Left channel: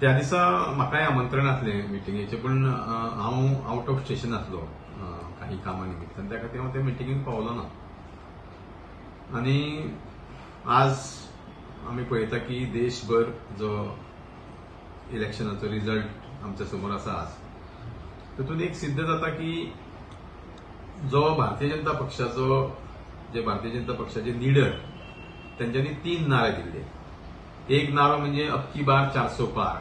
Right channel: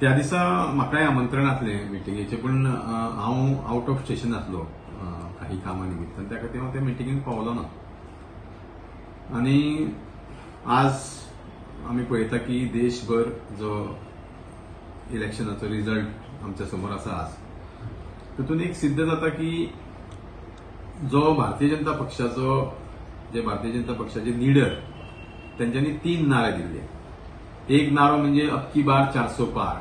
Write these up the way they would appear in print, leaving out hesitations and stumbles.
त्या दिसा म्हाकाय आमंत्रण आसलें मिटिंगेचें, पूण हांव आउट ऑफ स्टेशन आसलो काही कामा निमित्तान, त्या खातीर हांव त्या मिटिंगेक पावलो ना. आनी आज आमी पळयता की देशभर जो इलेक्शनाचो रिजल्ट आमच्या समोर आसा आज, तातूंत एक सिद्ध जाता की जो भारतीय जनता पक्षाचे लीडर त्यांच्यानी 3 नारे दिल्ले. एक नारो म्हणजे अब की बार 400 पार,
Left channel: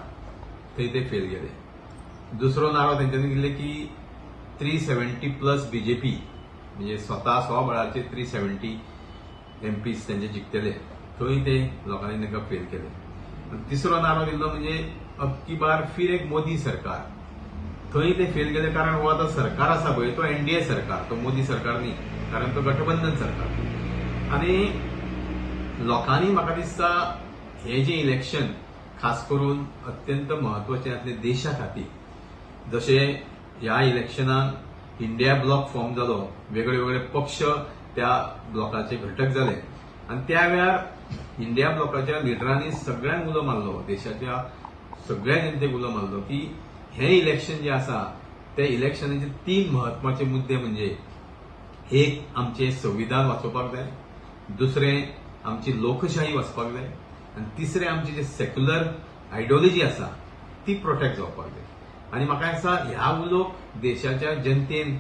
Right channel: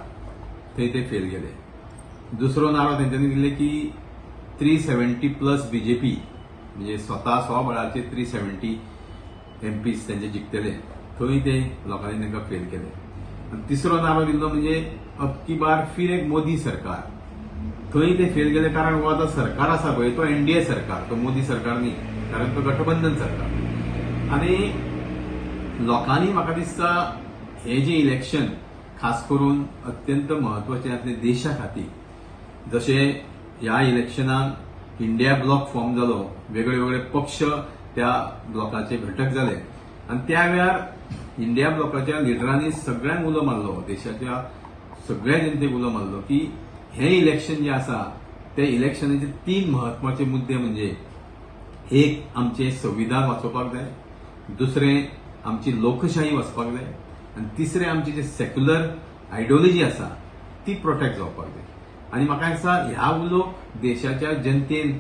थंय ते फेल गेले. दुसरो नारो त्यांच्यानी दिल्ले की 370+ बीजेपी, म्हणजे स्वता स्वबळाचे 370 MPs त्यांचे जिखतले, थंय ते लोकांनी तांकां फेल केले. तिसरो नारो दिल्लो म्हणजे अब की बार फिर एक मोदी सरकार, थंय ते फेल गेले. कारण हो आता सरकार आसा पळय तो NDA सरकार, तो मोदी सरकार न्ही, कारण तो गठबंधन सरकार. आणि लोकांनी म्हाका दिसता हे जे इलेक्शन खास करून अत्यंत महत्वाचे आसले देशा खातीर. जसे ह्या इलेक्शनात इंडिया ब्लॉक फॉर्म जालो, वेगळे वेगळे पक्ष त्या ब्लॉकाचे घटक जाले, आणि त्या वेळार इंडिया ब्लॉकाच्या लिडरांनी सगळ्यांक उलो मारलो, देशाच्या सगळ्या जनतेक उलो मारलो की हे इलेक्शन जे आसा ते इलेक्शनाचे 3 महत्वाचे मुद्दे म्हणजे एक आमचे संविधान वाचोवपाक जाय, दुसरें आमची लोकशाही वाचपाक जाय, आणि तिसरें आमची जे सेक्युलर आयडियोलॉजी आसा ती प्रोटेक्ट जावपाक जाय. आनी म्हाका दिसता ह्या उलो देशाच्या जनतेन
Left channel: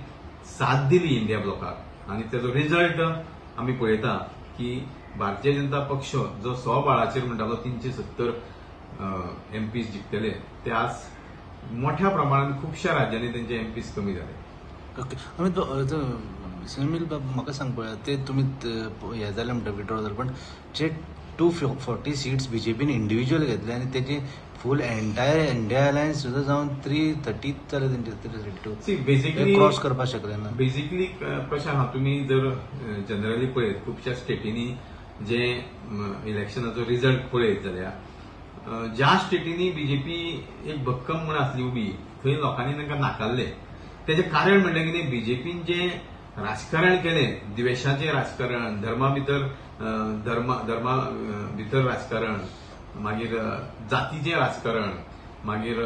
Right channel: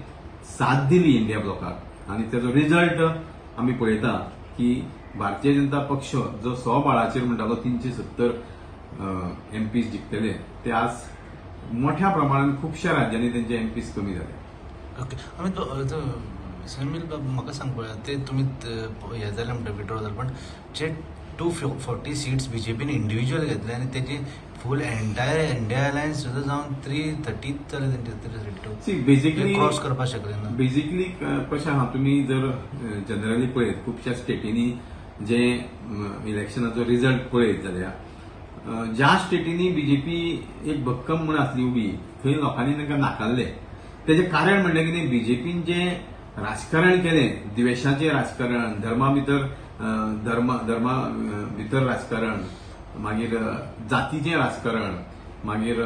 साथ दिली इंडिया ब्लॉकाक, आणि त्याचो रिजल्ट आमी पळयता की भारतीय जनता पक्ष जो स्वबळाचेर म्हणटालो 370 MPs जिखतले, ते आज मोठ्या प्रमाणात खुबश्या राज्यांनी त्यांचे MPs कमी झाले. ओके, म्हाका सांग पळय, ते तुमी हे जाले म्हणटा विड्रॉ जाले, पण जे 240 सीट्स बीजेपीन इंडिव्हिज्युअल घेतले आणि त्याची फुल एंटायर इंडिया अलायन्स सुद्धा जाऊन 330 जाले तेंचे बेसिकली क्रॉस करपाक शकले ना. बेसिकली कशें आहा, तुमी जर जनरली पळयत खुबश्या स्टेटींनी जे इलेक्शनाचो रिजल्ट पळयत जाल्यार ज्या स्टेटींनी बीजेपी एक भक्कम म्हण आसली उबी, थंय लोकांनी तांकां नाकारले. तेजें कारण म्हणल्यार कितें, बीजेपीन जे राजकारण केलें, द्वेषाचें राजकारण, धर्मा भितर राजकारण, मागीर जातीचें राजकारण, मागीर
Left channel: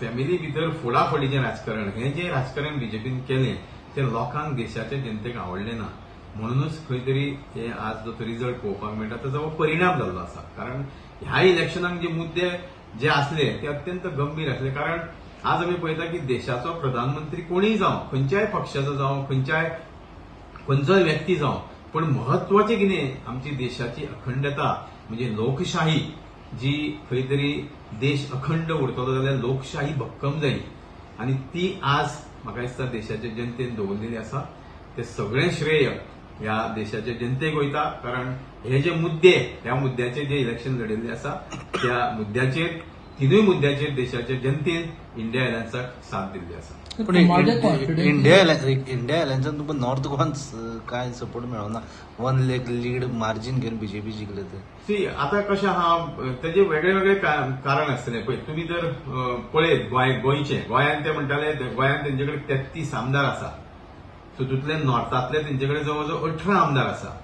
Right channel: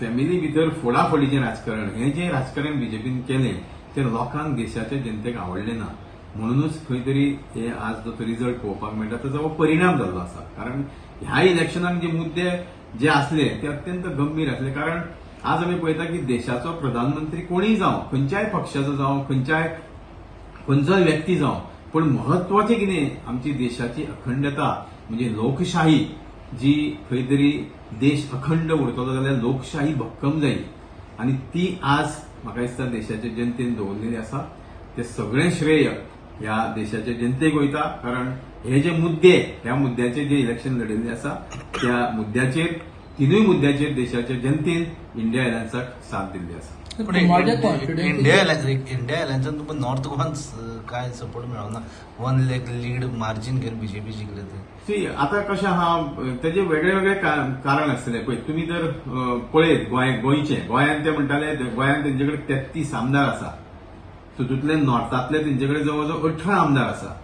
फॅमिली भितर फोडाफोडीचें राजकारण, हें जें राजकारण बीजेपीन केलें तें लोकांक देशाच्या जनतेक आवडलें ना. म्हणूनच खंय तरी हे आज जो रिजल्ट पळोवपाक मेळटा ताचो हो परिणाम जाल्लो आसा. कारण ह्या इलेक्शनाक जे मुद्दे जे आसले ते अत्यंत गंभीर आसले. कारण आज आमी पळयता की देशाचो प्रधानमंत्री कोणीय जावं, खंयच्याय पक्षाचो जावं, खंयचोय व्यक्ती जावं, पण महत्वाचें कितें, आमची देशाची अखंडता म्हणजे लोकशाही, जी खंय तरी देश अखंड उरतलो जाल्यार लोकशाही भक्कम जायी, आणि ती आज म्हाका दिसता देशाच्या जनतेन दवरलेली आसा. ते सगळें श्रेय ह्या देशाच्या जनतेक वयता. कारण हे जे मुद्दे, ह्या मुद्द्याचेर जे इलेक्शन लडिल्लें आसा त्या मुद्द्याचेर, 3 मुद्द्याचेर देशाच्या जनतेन इंडिया अलायन्साक साथ दिल्ली आसा. पण इंडिया अलायन्सात तुमकां नॉर्थ गोवान काय सपोर्ट मेळना, 1 लाख लीड मार्जिन घेवन बीजेपी जिखले ते. आता कशें आहा, तेजे वेगळे वेगळे कारण आसतले. पळय तुमी जर पळयत गोंयान ते म्हणटाले गोंयान तेंचे कडेन 33 आमदार आसा, तातूंतले नॉर्थांतले तेंचे कडेन जवळ जवळ 18 आमदार आसा.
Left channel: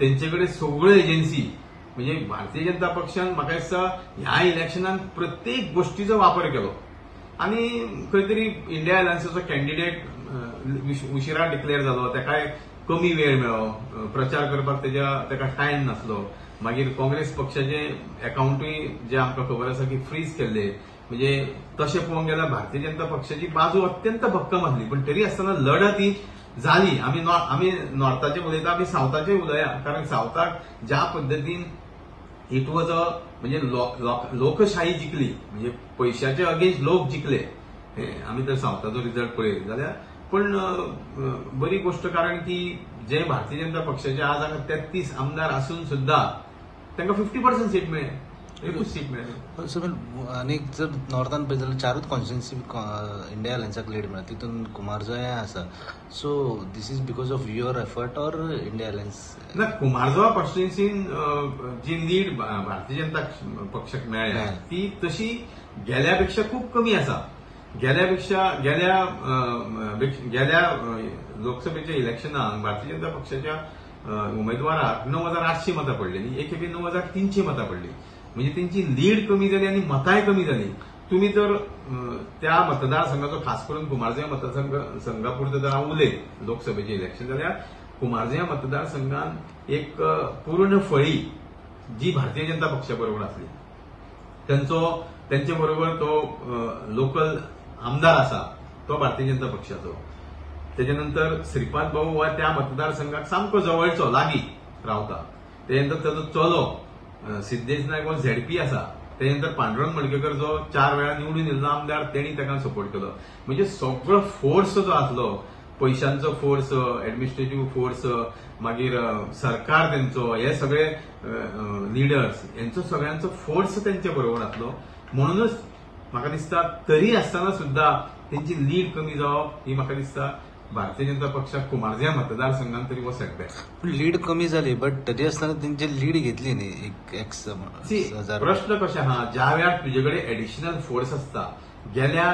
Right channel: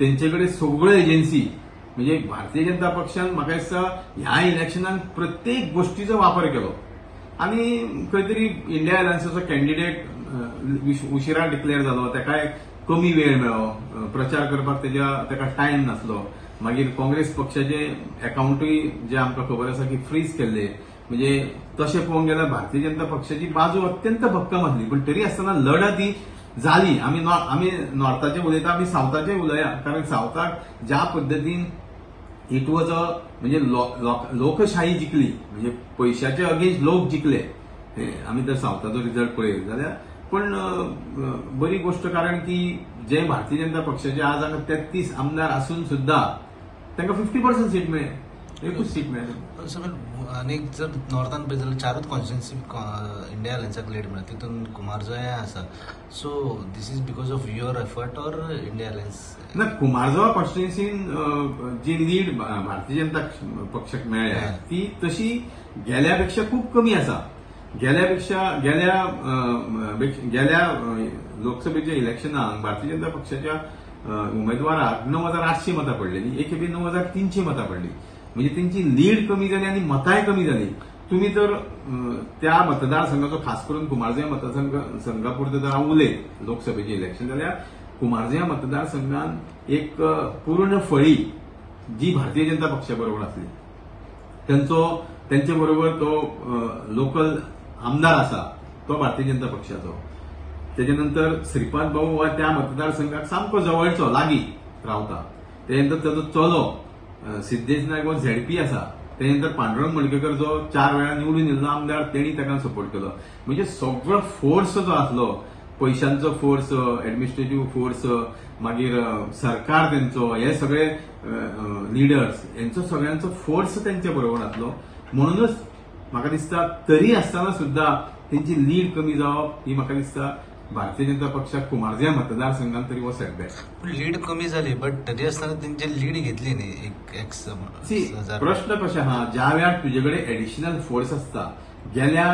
तेंचे कडेन सगळ्यो एजन्सी, म्हणजे भारतीय जनता पक्षान म्हाका दिसता ह्या इलेक्शनाक प्रत्येक गोष्टीचो वापर केलो, आणि खंय तरी इंडिया अलायन्साचो कॅन्डिडेट उशिरा डिक्लेअर जालो, ताकाय कमी वेळ मेळ्ळो, प्रचार करपाक ताका टायम नासलो. मागीर काँग्रेस पक्षाचे अकाउंटूय जे आमकां खबर आसा की फ्रीज केल्ले. म्हणजे तशें पळोवंक गेल्यार भारतीय जनता पक्षाची बाजू अत्यंत भक्कम आसली, पण तरी आसतना लढत ही झाली. आमी नॉर्थाचे उलयता, आमी सावथाचे उलया. कारण सावथाक ज्या पद्दतीन इट वॉज म्हणजे लोकशाही जिखली, म्हणजे पैशाचे अगेन्स्ट लोक जिखले. आमी जर सावथाचो रिजल्ट पळयत जाल्यार, पण बरी गोष्ट कारण की जे भारतीय जनता पक्षाचे आज हांगा 33 आमदार आसून सुद्धा तांकां 50% सीट मेळ्ळे, एकूच सीट मेळ्ळी. आनी जर नॉर्थान पळयत जाल्यार 4च कॉन्स्टिट्युन्सी इंडिया अलायन्साक लीड मेळ्ळा, तितून कुमारजोया आसा. So this is because of your effort or India alliance? ना, कुमारजोया कॉन्स्टिट्युन्सीन जी लीड भारतीय जनता पक्षाक मेळ्ळ्या ती तशी गेल्यापेक्षा खूप कमी आसा. गेल्या लोकसभेच्या इलेक्शनाक भारतीय जनता पक्षाच्या उमेदवाराक 9,800 मतां पडलेली, एक खेपे 9,300 मतां पडली. म्हणजे त्यांची लीड कमी झाली आणि मतांय कमी झाली. तुम्ही जर त्या मतदारसंघाचो खास करून कुमारजुंव्या मतदारसंघापुरते जर हांव उलयत लोकसभेचे इलेक्शन जाल्यार कुमारजुंव्या मतदारसंघात एक पूर्ण फळी जी भारतीय जनता पक्षा बरोबर आसली. त्यांचे बरोबर तो लोकल आमदार आसा तो भारतीय जनता पक्षाचो. त्याच्यानंतर श्रीपाद भाऊ हो त्या मतदारसंघात सामको जवळचो लागीं रावता. त्यानंतर ताचो चलो सिद्धेश नायक हो झेडपी आसा. त्यानंतर पांडुरंग मडकयकर जो 4 वेळा निवडून येयल्लो आमदार तेणी ताका सपोर्ट केलो. म्हणजे सगळो फोर्स जो आसलो पैशांचो फोर्स, एडमिनिस्ट्रेटिव्ह फोर्स, मागीर सरकार त्यांचो, हे सगळे लिडर्स यांचो सगळ्यांचो फोर्स त्यांच्या बरोबर आसलो. म्हणूनच म्हाका दिसता तरी आसतना सुद्धा त्यांची लीड कमी जावप ही म्हाका दिसता भारतीय जनता पक्षाक कुमारजुंव्या मतदारसंघात तरी हो सेटबॅक. लीड कमी झाली बट तरी असताना त्यांची लीड घेतली न्ही. प्रश्न कशे आहा, ज्या वेळार तुजे कडेन एडिशनल फोर्स आसता, गेल्या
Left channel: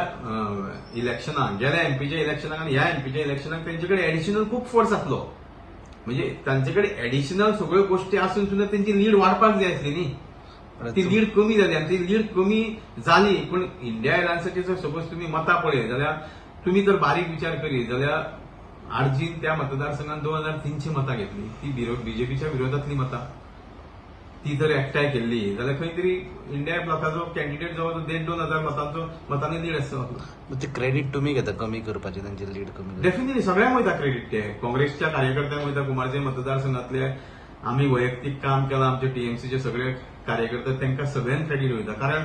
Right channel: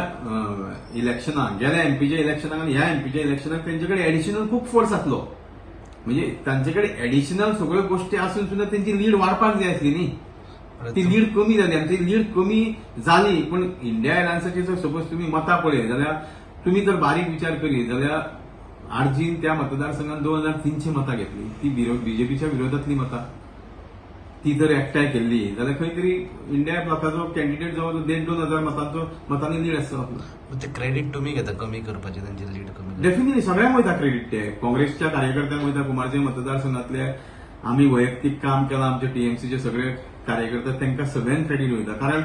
इलेक्शनाक, गेल्या एमपीच्या इलेक्शनाक आनी ह्या एमपीच्या इलेक्शनाक तेंचे कडेन एडिशनल खूप फोर्स आसलो. म्हणजे तांचे कडेन एडिशनल सगळ्यो गोष्टी आसून सुद्धा त्यांची लीड वाडपाक जाय आसली न्ही. ती लीड कमी जाली आणि ती लीड कमी जाली. पण इंडिया अलायन्साची जर सपोज तुम्ही मतां पळय जाल्यार तुम्ही जर बारीक विचार करीत जाल्यार आरजीन त्या मतदारसंघात 2300 मतां घेतली. ती बीजेपीच्या विरोधातली मतां. ती जर एकठांय केल्ली जाल्यार खंय तरी इंडिया ब्लॉकाचो कॅन्डिडेट जवळ 1,500-2,000 मतांनी लीड आसता. क्रेडीट तुम्ही घेता कमी करपाचे त्यांची लीड कमी? डेफिनेटली सगळ्यांक वयता क्रेडीट. ते काँग्रेसच्या कार्यकर्त्यांक वयता. कुमारजुंव्या मतदारसंघातले आम्ही वैयक्तीक काम केलां, आमचे टीएमसीचे सगळे कार्यकर्ते, तांकां सगळ्यांक क्रेडीट वयता. कारण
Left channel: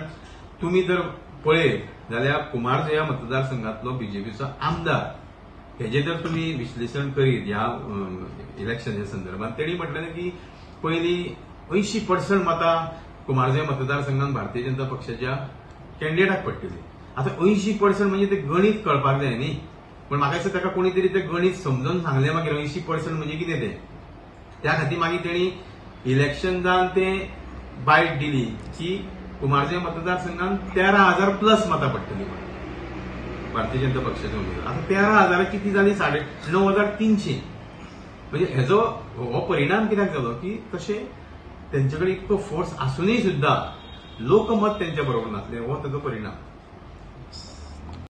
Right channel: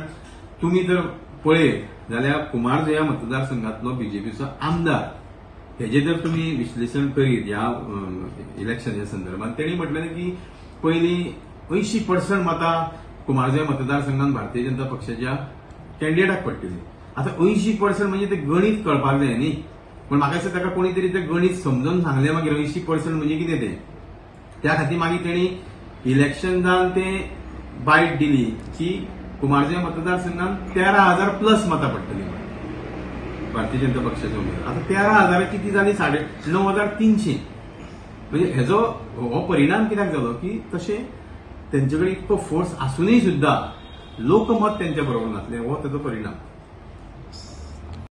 तुम्ही जर पळयत जाल्यार कुमारजुंव्या मतदारसंघातलो बीजेपीचो आमदार हेजे जर तुम्ही विश्लेषण करीत ह्या इलेक्शनाच्या संदर्भात, तेणी म्हटलें की पयलीं 80% मतां कुमारजुंव्या मतदारसंघात भारतीय जनता पक्षाच्या कॅन्डिडेटाक पडटली. आता 80% म्हणजे ते गणित कळपाक जाय न्ही. पण म्हाका दिसता ताका कोणी तरी ते गणित समजून सांगलें मागीर 80% म्हणजे कितें तें. त्या खातीर मागीर तेणी इलेक्शनान ते बायट दिली की कुमारजुंव्या मतदारसंघात 13,000+ मतां पडटली म्हणून भारतीय जनता पक्षाच्या उमेदवार. आता 13,000 किती जाली 9,300. म्हणजे हेजो हो परिणाम कित्याक जालो की तशे त्यांच्याकडे इतको फोर्स आसूनय सुद्धा लोकमत त्यांच्या बरोबर नासलें, हो ताचो परिणाम.